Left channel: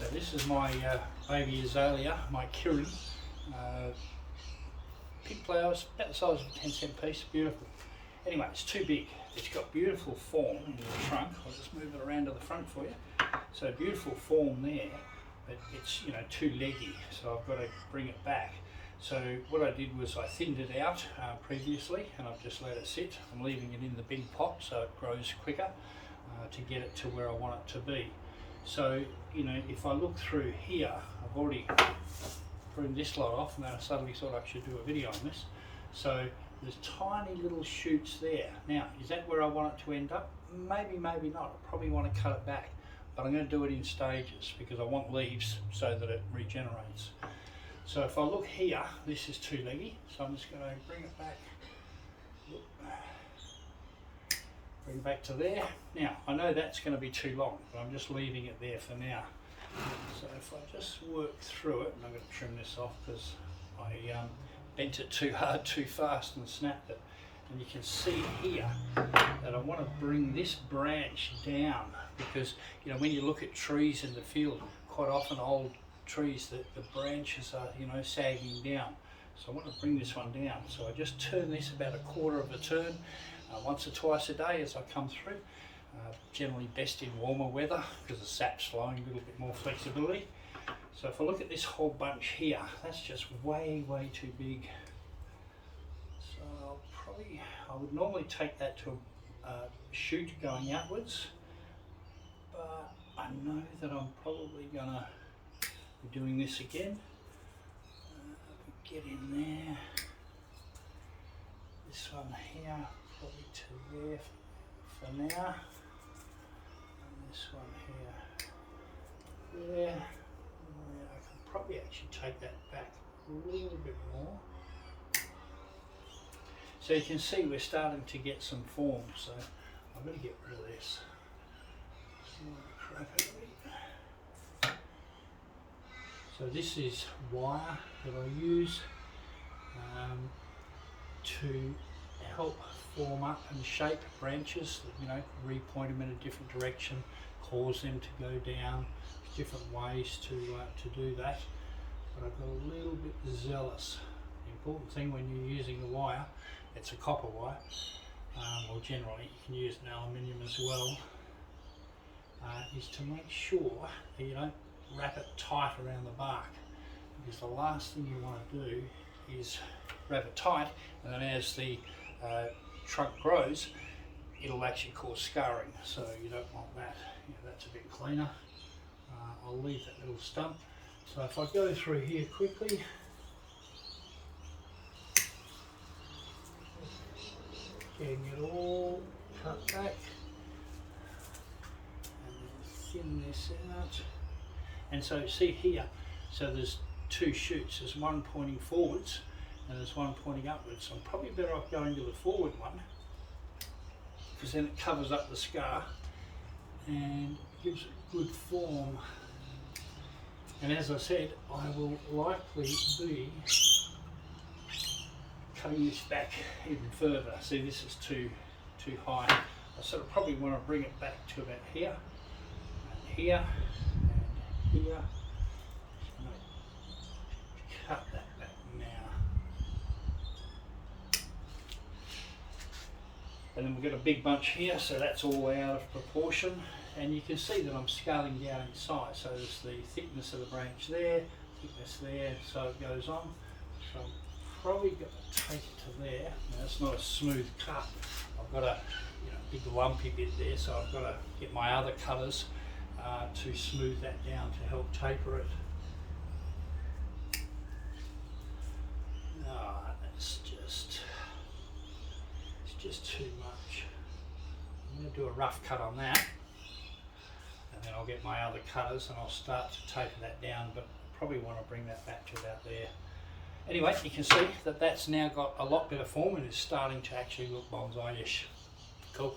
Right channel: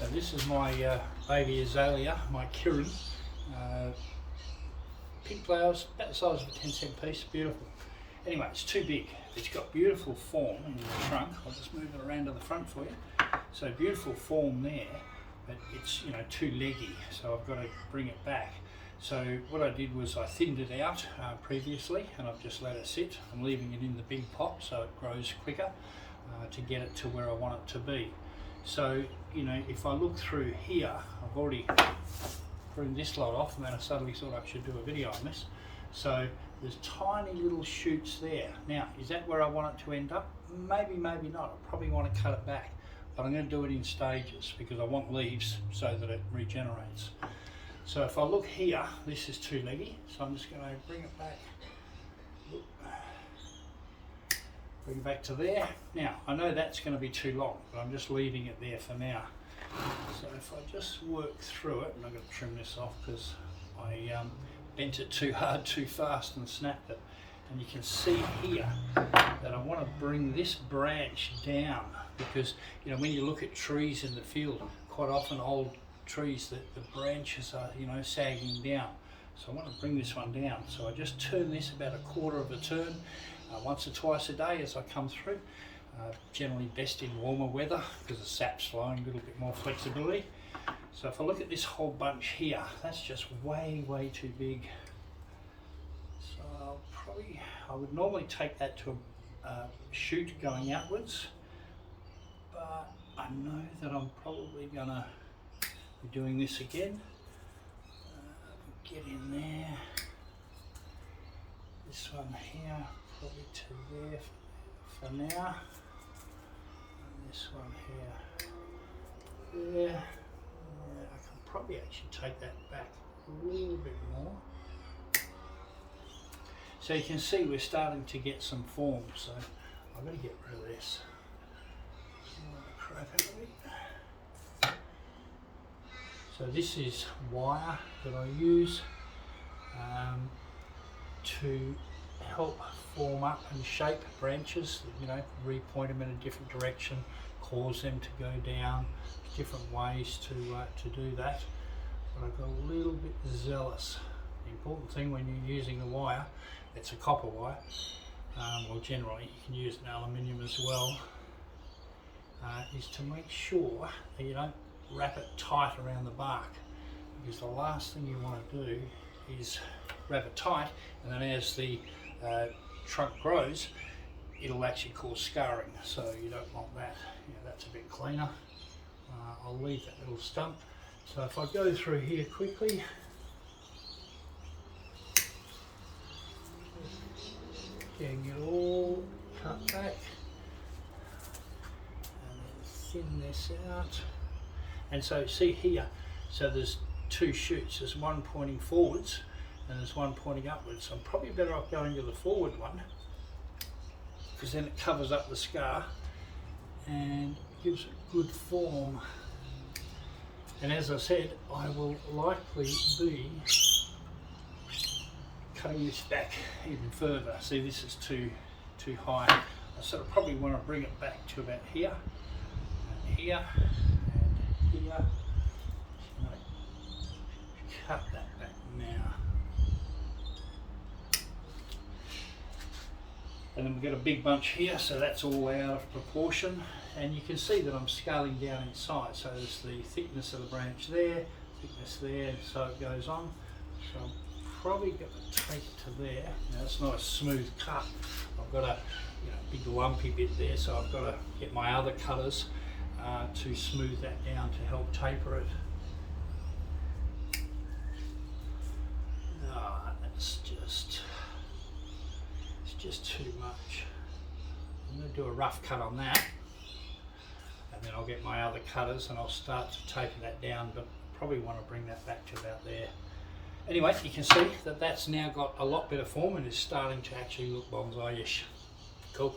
So this is my baby Azalea, my Kirin. Pink flowers, about the size of a 10-cent piece, beautiful. Anyway, it's too big. It's got beautiful form in the trunk. I'll just move it around to the front for you. So beautiful form there, but it's too leggy, so I've got to bring it back. So what I did was I thinned it out previously, and I've just let it sit. I'm leaving it in the big pot so it grows quicker to get it to where I want it to be. So if I look through here, I've already pruned this lot off, and then I suddenly thought I should do a video on this. So there's tiny little shoots there. Now, is that where I want it to end up? Maybe, maybe not. I probably want to cut it back, but I'm going to do it in stages because I want leaves so that it regenerates. So if I look here, this is too leggy, so I'm just going to bring it back. Bring it back to there. Now, I know that's going to be too long, but I'm just leaving it there for now. So if I just work through it, and I'm going to trim this off because I bent it too hard, too fast, and snapped it. And you can see here that I want to bring this branch down because when you look at trees in the field, quite often old trees, that the branches are sagging down. So I want to bring this one down. So I just turn this about a quarter of a turn, once or twice a day as I come through. Generally best in warmer weather because the sap's flowing, a little bit more flexibility. So if I look at this whole bunch here, that's just way too big. So I would normally take that to a shoot going outwards, but I know that I'm probably gonna be doing this again. Get in there. This one here, probably to there for now. And this one here, there. I can probably actually take that back a little bit more. So you can see we're starting to get some form, so I'm going to get rid of this. So this is wire that I use to help form up and shape branches, repoint them in a different direction, cause them to go down, different ways to do that. But I got a little bit zealous. The important thing when you're using the wire, it's a copper wire, well generally you can use an aluminium as well, is to make sure that you don't wrap it tight around the bark, because the last thing you want to do is wrap it tight, and then as the trunk grows, it'll actually cause scarring, so you don't want that. That's a bit cleaner. I'll leave that little stump. So if I go through here quickly, getting it all cut back, and then thin this out. And so see here, so there's two shoots. There's one pointing forwards and there's one pointing upwards. So I'm probably better off going to the forward one because then it covers up the scar and gives it good form. And as I said, I will likely be cutting this back even further. See, this is too high. I sort of probably want to bring it back to about here and here. Here, I'm going to cut that back now. And then we've got a big bunch here, so that's all out of proportion. And you can see that I'm scaling down in size. So there's the thickness of the branch there, thickness there, so it goes on. So I'm probably going to take it to there. Now it's not a smooth cut. I've got a big lumpy bit there, so I've got to get my other cutters to smooth that down to help taper it. It's just too much. I'm going to do a rough cut on that, and then I'll get my other cutters and I'll start to taper that down, but probably want to bring that back to about there. Anyway, you can see that that's now got a lot better form and is starting to actually look bonsai-ish. Cool.